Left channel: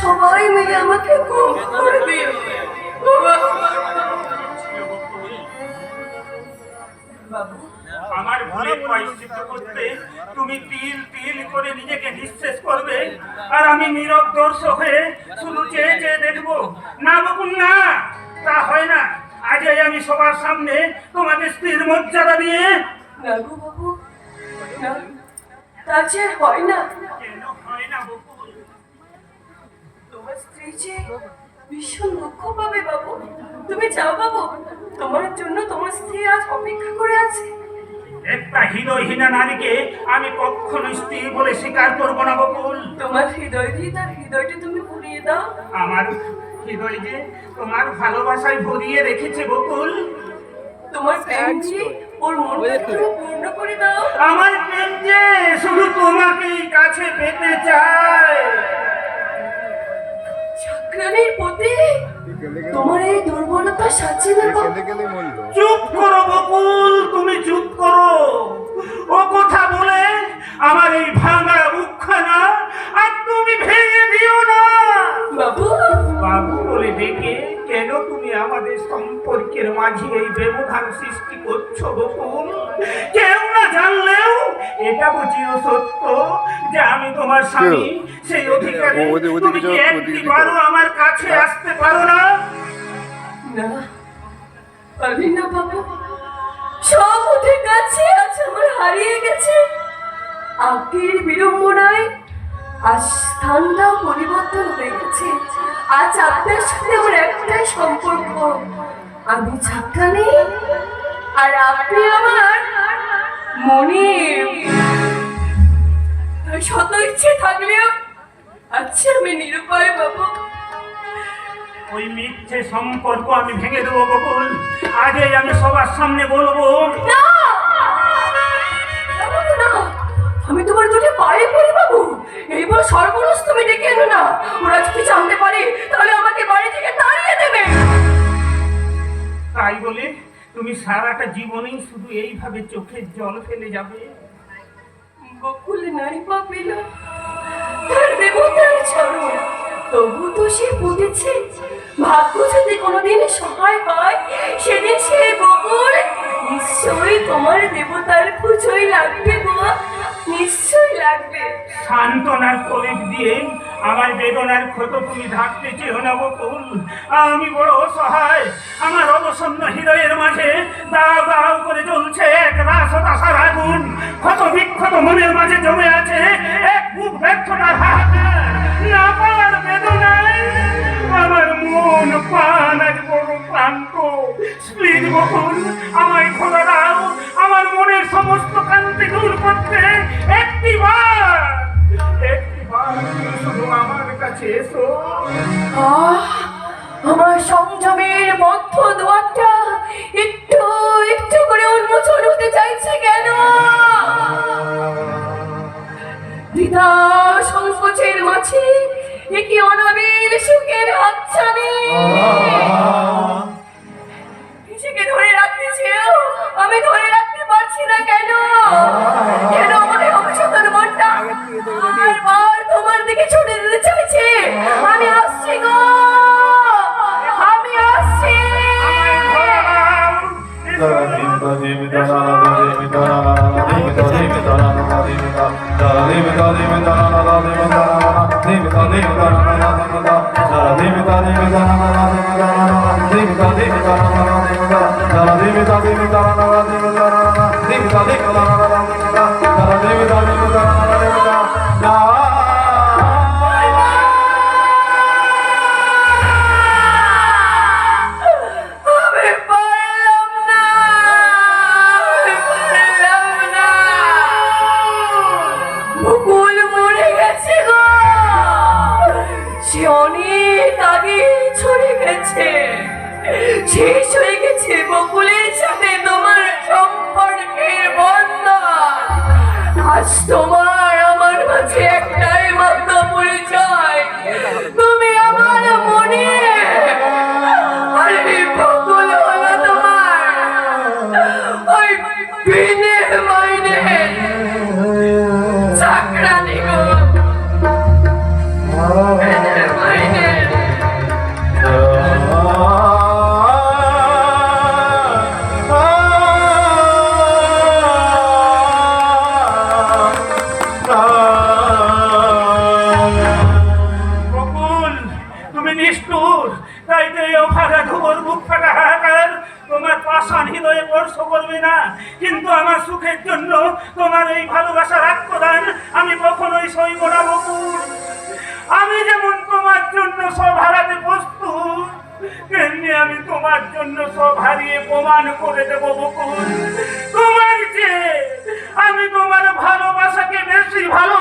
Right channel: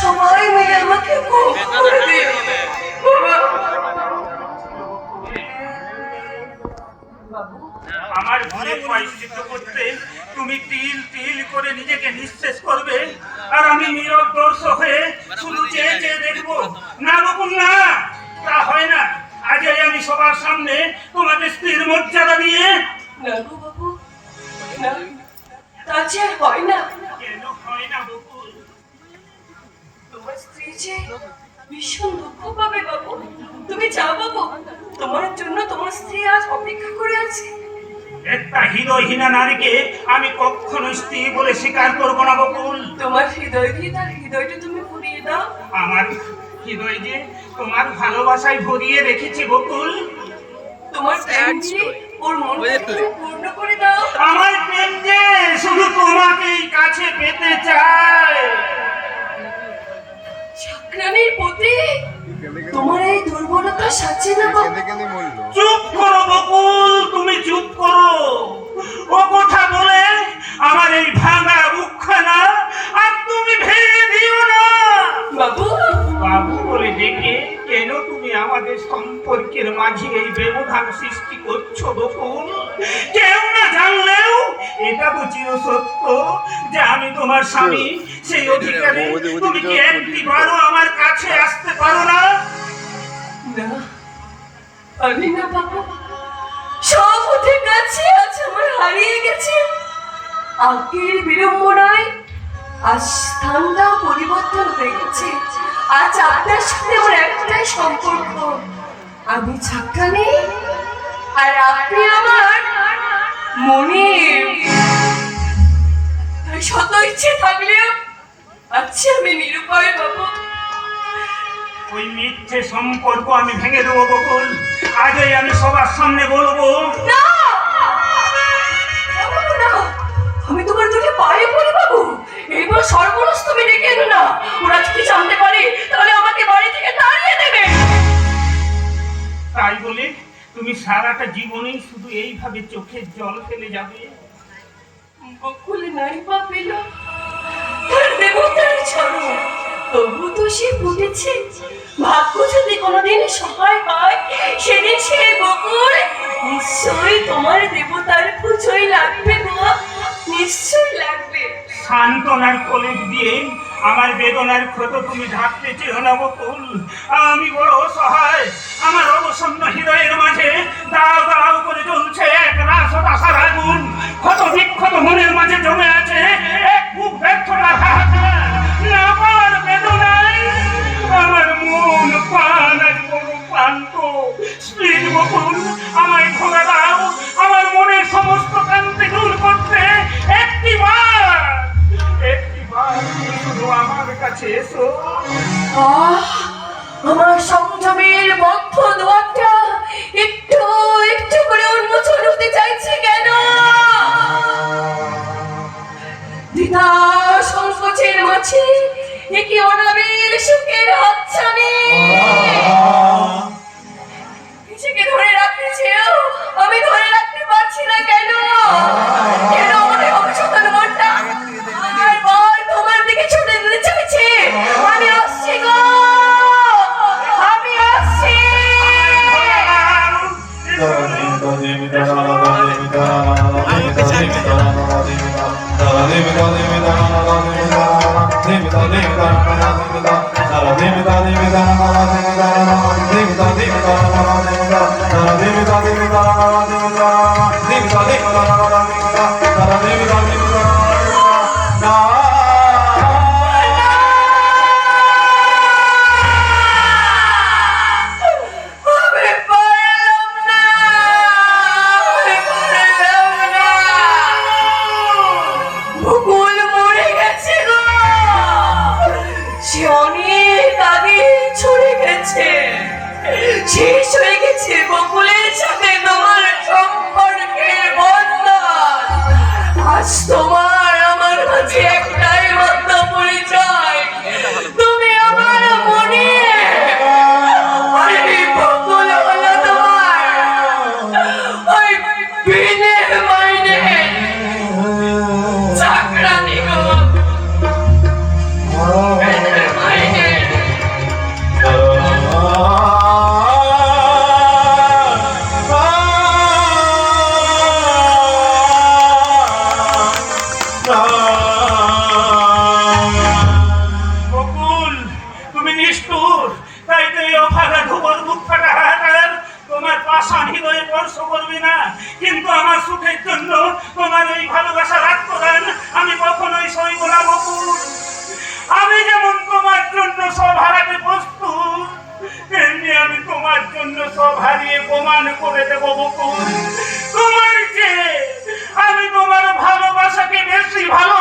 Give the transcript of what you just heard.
সবাই মিলে আমাকে করে দিও। আমার ভুলের প্রায়শ্চিত্ত করতে তুমি তিল তিল করে নিজেকে নিঃশেষ করবে, আর আমি নীরব দর্শক হয়ে শুধু চেয়ে চেয়ে দেখবো। না বকুল না, তা হয় না। আজ আমি সবার সামনে তোমাদের স্ত্রীর মর্যাদা দিয়ে। না গো বাবু, না, তা যে হয় না। কেন হয় না বকুল? তোমার স্ত্রী যে ভীষণ দুঃখ পাবে বাবু। তুমি যাও বাবু, তোমার জন্য তোমার স্ত্রী আজ অপেক্ষা করে আছে। একটা হৃদয়হীনা নারীকে আমি কখনো স্ত্রী বলে স্বীকার করবো না বকুল। তোমার হৃদয় দিয়ে তার হৃদয়টা তুমি পুড়িয়ে দাও। আমার হৃদয় যে তোমার ভালোবাসায় ভরিয়ে রেখেছে বকুল। তোমার প্রেম দিয়ে ওর মনটা তুমি পূর্ণ করে দাও। আমার প্রেম যে শুধু তোমাকেই কাছে পেতে চায়। চাকরানির প্রতি তোমার এই দুর্বলতা সাজে না বাবু। চুপ করো বকুল, তুমি চুপ করো। ও কথা বলে আমার এই ভাঙা বুকখানা আর তুমি ভেঙে দিও না। বাবু, বাবু বলে ডেকে কেন তুমি আমাদের সম্পর্কের মাঝে এই ব্যবধান সৃষ্টি করছো বকুল? কেউ না জানলেও এটা তো চিরসত্য যে আমি তোমার স্বামী। সেই অধিকারে তুমি কি একটিবারও আমার কাছে আসতে পারো না? না, পারি না বাবু। সব ওদের কাছে আজ আমার হারিয়ে গেছে। আগের বিড়ম্বনায় আজ স্থানটা পরিবর্তন হয়ে গেছে। আজ আপনার সাথে আমার একটাই সম্পর্ক, আমি চাকরানি আর আপনি আমার মনে। শত ইচ্ছে থাকলেও আচ্ছা আমি নিরুপায় বাবু। ওই মিথ্যে সম্পর্ক আমি ভেঙে দেবো বকুল। আগেই আমি সবার সামনে বলবো। না বাবু, না, আমি তোমার দুটি পায়ে পড়ি বাবু। এইবার সর্বনাশ তুমি ডেকে এনো না। ওরা যদি জানতে পারে তাহলে আমাকে বাড়ি থেকে তাড়িয়ে দেবে। তাই বলে তুমি সারাটা জীবনেই শুধু এইভাবে চোখের জল ফেলে যাবে? বকুল নাই পা পেল তার দেবতার ছাড়ো, তবু তো সে বুঝেছে ভাগ্য যদি কোনোদিন সহায় হয় সেদিন সে বকুল নিশ্চয়ই তোমার দেবতার পুজোয় লাগবে গো, নিশ্চয়ই লাগবে। সান্ত্বনার কলেজ দিয়ে আমার বেদনার ক্ষত তুমি ঢাকতে চেও না বকুল। আমি বড় অসহায়। আমার অবসন্ন হৃদয়ের মাঝে দাও দাও করে জ্বলছে এক রাসদাসার আগুন। ক্ষত বিক্ষত মনের মাঝে জমে আছে এক বুক ব্যর্থতার হাহাকার। না পাওয়ার বেদনায় আমার মন প্রাণ আজ বড় ক্লান্ত। স্প্লিট বকুল, আমায় খোলা দাও আমার মনের সমস্ত ক্লান্তি দূর করতে। একটিবার শুধু আমার কাছে এসো। আমার সংযমের বদ্ধ দুয়ারটা একটু একটু করে উন্মোচন হতে চাইছে কেন? দ্বিধা সংকোচের মাঝে একই অনাবিল সুখের হাতছানি। নিজেকে ধরে রাখতে চেয়েও আমি ধরে রাখতে পারছি না কেন? কেন আমাদের অভিশপ্ত মনটা বারবার তোমার দিকে ছুটে যেতে চাইছে? আমি আসছি গো, আমি আসছি। শেষ হয়ে গেছে বকুলের সাথে তোমার সম্পর্কের বন্ধন। আজ তোমার আমার মাঝে একটাই মাত্র পরিচয়, তুমি আমার মনে। বকুল হলো তোমার ওই বিনে মাইনে চাকরানি। বকুল, তুমি নিষ্ঠুর, তাই তো এই অভাগা ধুবর মুখ ফাটা হাহাকার তোমার পাষাণ হৃদয়ে স্পর্শ করবে না। কিন্তু আমার সুখের জন্য তোমার এই ভালোবাসার আত্মদান আমি কখনোই সইব না বকুল। আমি যেমন তোমার জন্য সব হারাতে প্রস্তুত, তেমনি আমি তোমার জন্য সব হারিয়ে প্রমাণ করে দেবো বকুল। তোমার চেয়ে আমি তোমার ভালোবাসাকে বেশি ভালো